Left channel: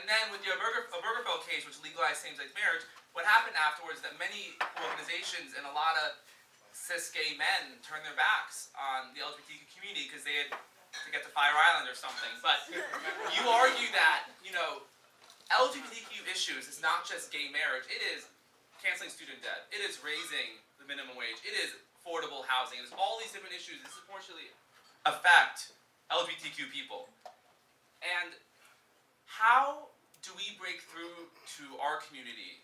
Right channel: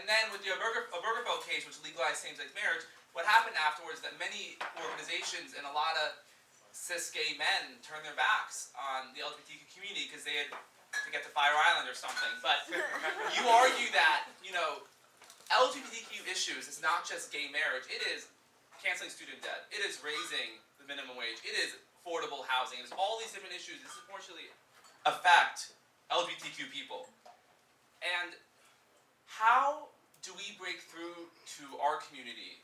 And then with the Obergefell case, which legalized same-sex marriage, what happened afterwards is that many organizations and a lot of cis gay men turned their backs on the LGBTQ community because they had to get to Fire Island or something. But you argue that, LGBTQ issues is not just gay marriage. It is canceling student debt. It is raising the minimum wage. It is affordable housing. It's all these different issues that disproportionately affect LGBTQ people. And how do we break through to our community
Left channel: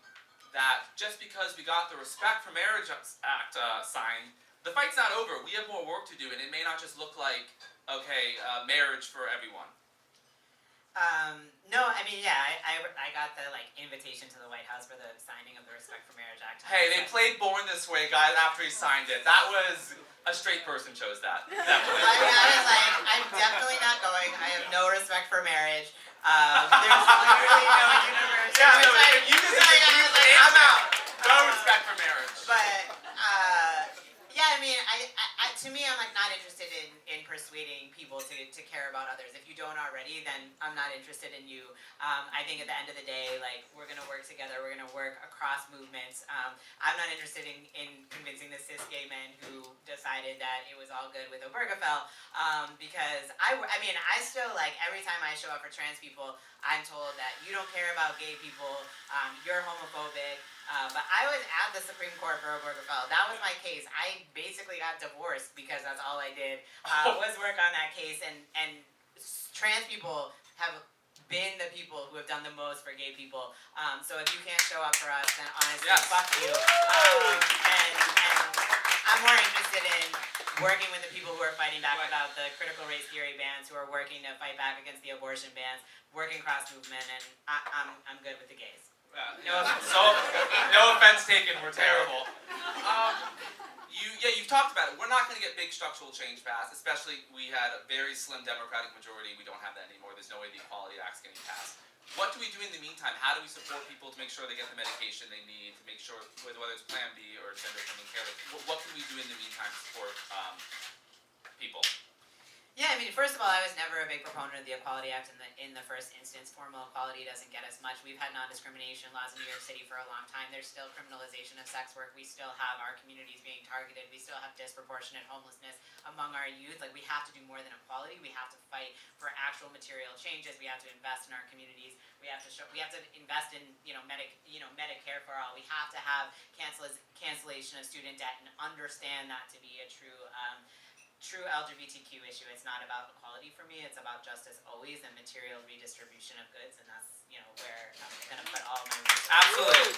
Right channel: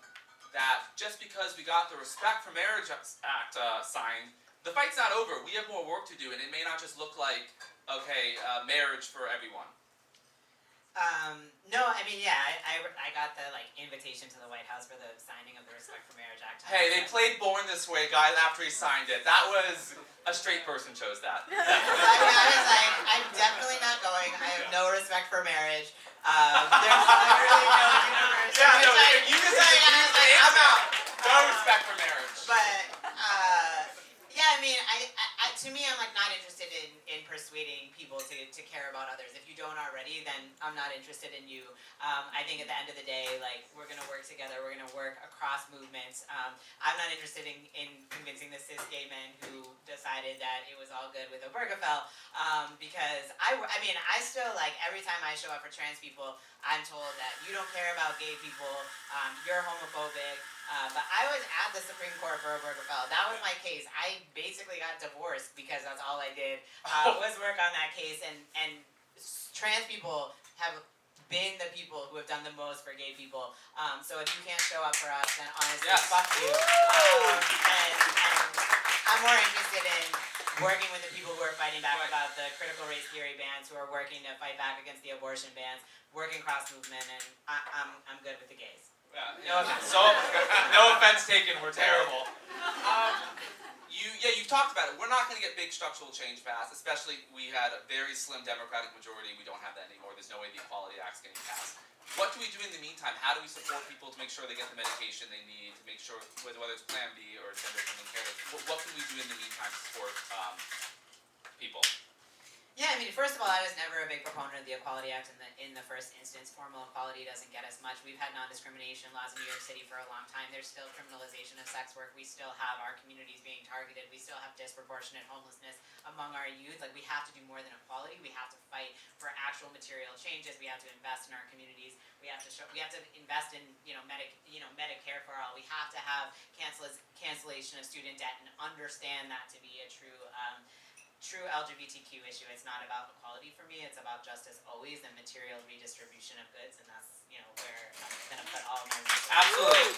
that just because we got the Respect for Marriage Act signed, the fight's not over. We have more work to do, and it may not just look like, marriage for everyone. No, I mean, yeah, I got the invitation to the White House for the signing of the Respect for Marriage Act. Hey, they played Born This Way, guys, after he signed it. That was a straight person chose that. I was like, I'm definitely not going. I have no respect for marriage. There's literally no universe. Yeah, no, you just said I'm out. No respect for marriage. But yeah, I mean, to me, I'm not interested in persuading people to care about others. If you don't already, then I'm not interested in you. I think at the end of the day, we're gonna work together. We're gonna work across movements. I'm not interested in convincing the cis gay men who decided that it was all good with Obergefell, because I mean, I still every time I show up for trans people, I'm told that you don't care about gay people, you're homophobic. But I was at the Supreme Court for Obergefell. That was my case. I basically got divorced because that's all I did, was work on that case. And trans people have been the people who have done the most for gay people. So if you can't show up for us, then honestly, fuck you. And I'm more interested in working with the people who are fighting back about the critical race theory bans, who are working to fight back against the abortion bans, working cross movement, and I'm good with the gays. No offense taken, we're terrible. You've talked about it. We're not going to get big structural change fast, especially we had a very slim Democratic majority. We don't have that anymore. There's no way the Equality Act's getting passed. What do we do in the meantime? How do we support people to make sure they get the medication they need, to make sure, whether it's Plan B or Gender Affirming Care, what can we do in the meantime to support people? Yeah, I mean, first of all, I was never a big proponent of the Equality Act in the first instance. Formal equality doesn't get as much. We've had non-discrimination laws in New York City for a long time. There's still criminalization of sex work. We still have our communities being targeted. We still have disproportionate homelessness among our youth. We have to do more than equality. We have to fight for actual material changes. We have to invest in our communities. We have to invest in Medicare for all. We have to have cancellation of student debt and understand that to be a true LGBTQ issue. It's not about equality for me. It's about justice always and material redistribution of goods, and that's where I'm going to put all my resources. Absolutely.